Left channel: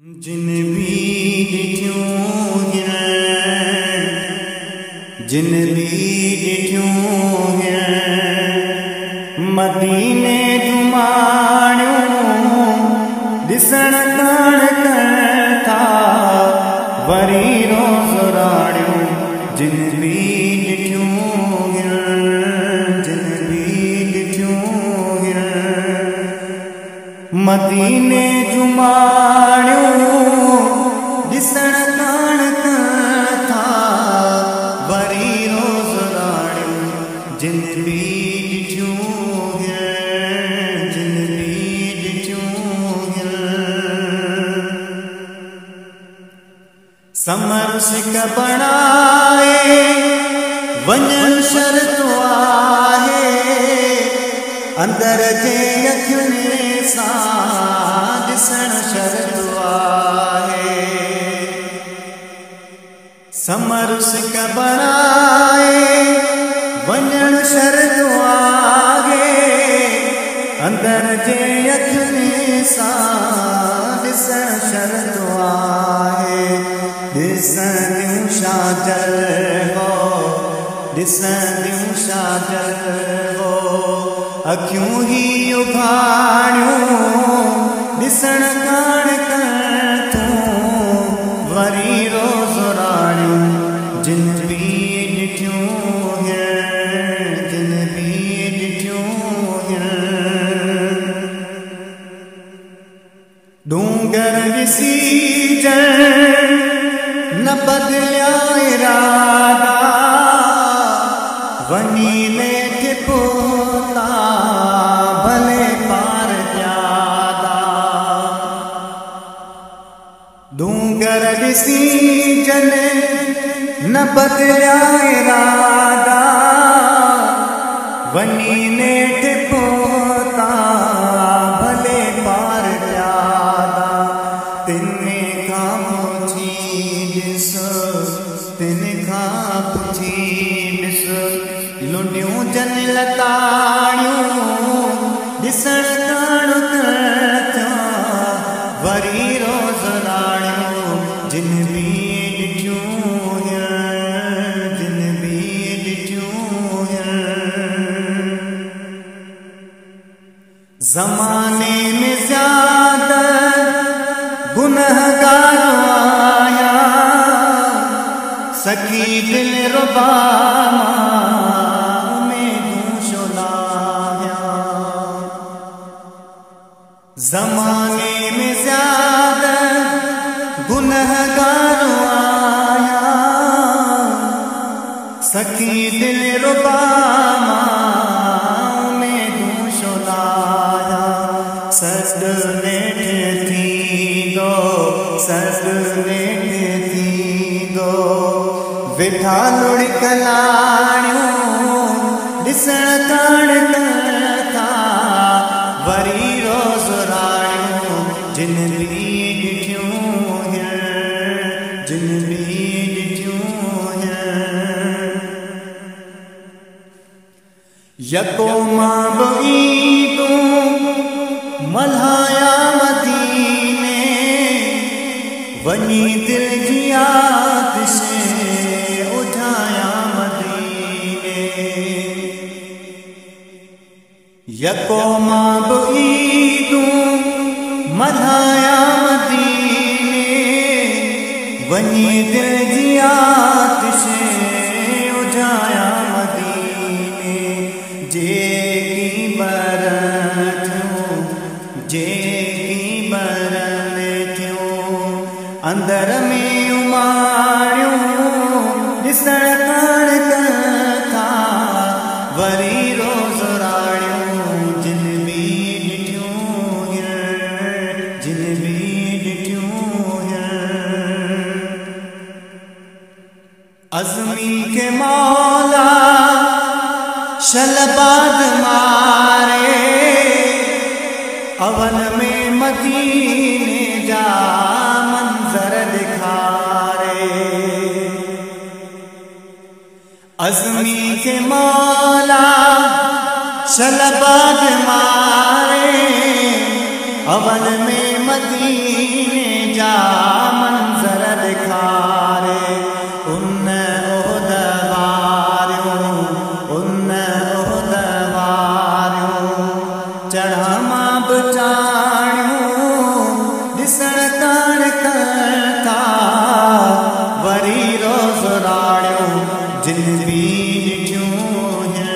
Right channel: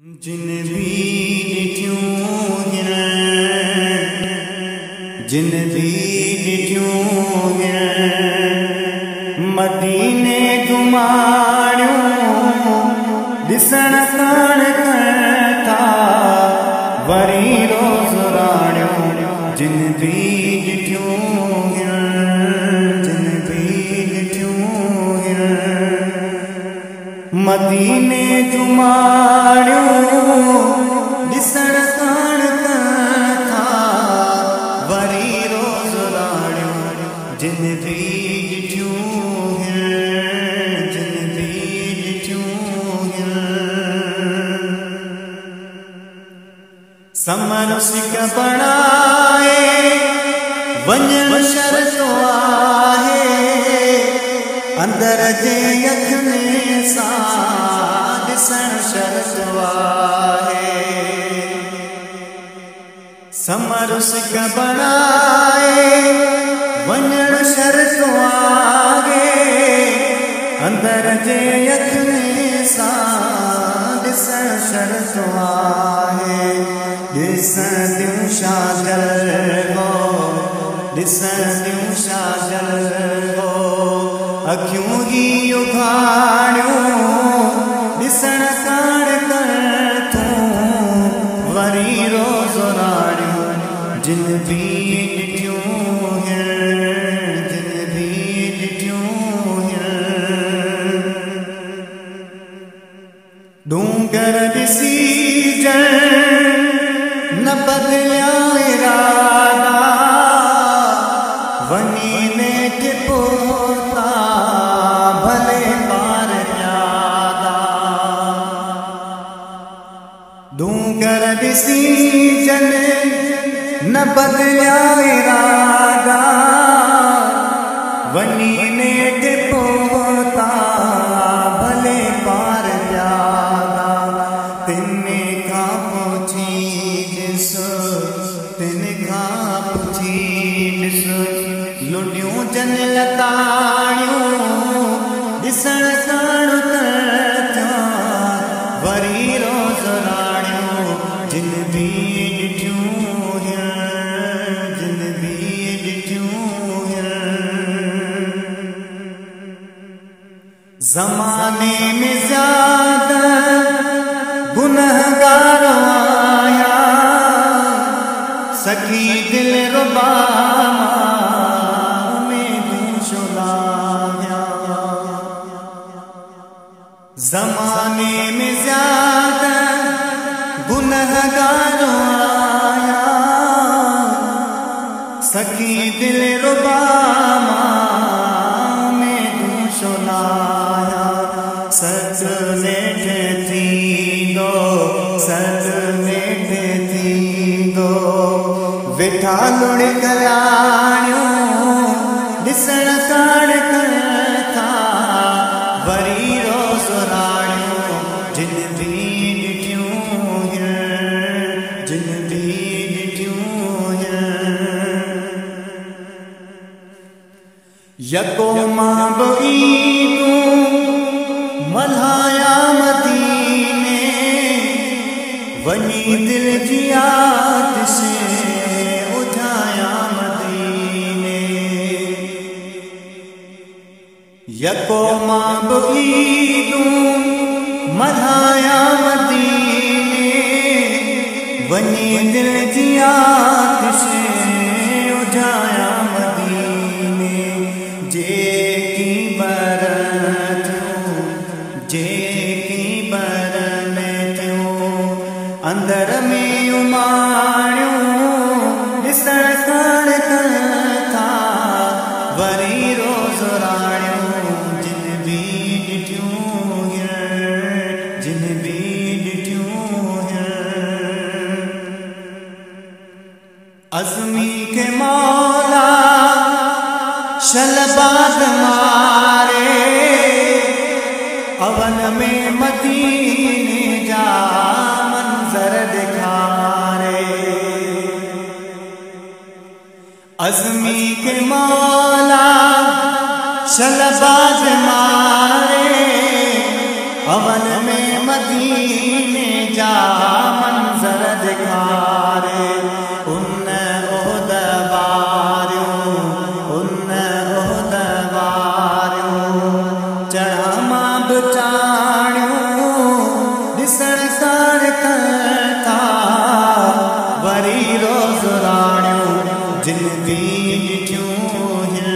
जिन भी ॾिठियूं हिन जिन भी ॾिठियूं हिन मदीने जूं माणियूं ॾिसण कान कनि था वरी रोज़ राणियूं जिन भी ॾिठियूं हिन जिन भी ॾिठियूं हिन मदीने जूं माणियूं ॾिसण कान कनि था वरी रोज़ राणियूं जिन भी ॾिठियूं हिन जिन भी ॾिठियूं हिन समर सिक बणाए वञण शर्त आहे अंदर जे अखियुनि सां ॾिसण शर्त आहे समर सिक बणाए वञण शर्त आहे अंदर जे अखियुनि सां ॾिसण शर्त आहे ॾिसंदियूं छा जलवो ॾिसंदियूं छा जलवो अखियूं ही उघाड़ियूं ॾिसण कान कनि थूं वरी रोज़ राणियूं जिन भी ॾिठियूं हिन जिन भी ॾिठियूं हिन डूंगर ॾिसी जण न बदलिया इरादा वञी नेठ पहुता भले पार प्यादा डूंगर ॾिसी जन न बदलिया इरादा वञी नेठ पहुता भले पार प्यादा तिन खां पुछी ॾिस तिन खां पुछी ॾिस लुंडियूं जन लताणियूं ॾिसण कान थिया वरी रोज़ राणियूं जिन भी ॾिठियूं हिन जिन भी ॾिठियूं हिन ज़माने में ज़्यादा गुनहगार आया सखी दिल रुबा मां उम्मीदूं शोलाया ज़माने में ज़्यादा गुनहगार आया सखी दिल रुबा मां उम्मीदूं शोलाया सॾु नेठ थींदो सॾु नेठ थींदो वेठा लुढ़क लाणियूं ॾिसण कान कनि था वरी रोज़ राणियूं जिन भी ॾिठियूं हिन जिन भी ॾिठियूं हिन यको मां बि ईंदूं मल्हाया मदीने वञी दिल जी आतिश उझाया मदीने यको मां बि ईंदूं मल्हाया मदीने वञी दिल जी आतिश उझाया मदीने जेकी बर थियूं जेकी बरन थियूं अंदर में उमाणियूं ॾिसण कान कनि था वरी रोज़ राणियूं जिन भी ॾिठियूं हिन जिन भी ॾिठियूं हिन अज़मी के मौला शलबाद मारे अवल में मदीने जा मंजर दिखारे अज़मी के मौला शलबाद मारे अवल में मदीने जा मंजर दिखारे उन ओहदवारियूं चढ़ा मां बचाणियूं ॾिसण कान था वरी रोज़ राणियूं जिन भी ॾिठियूं हिन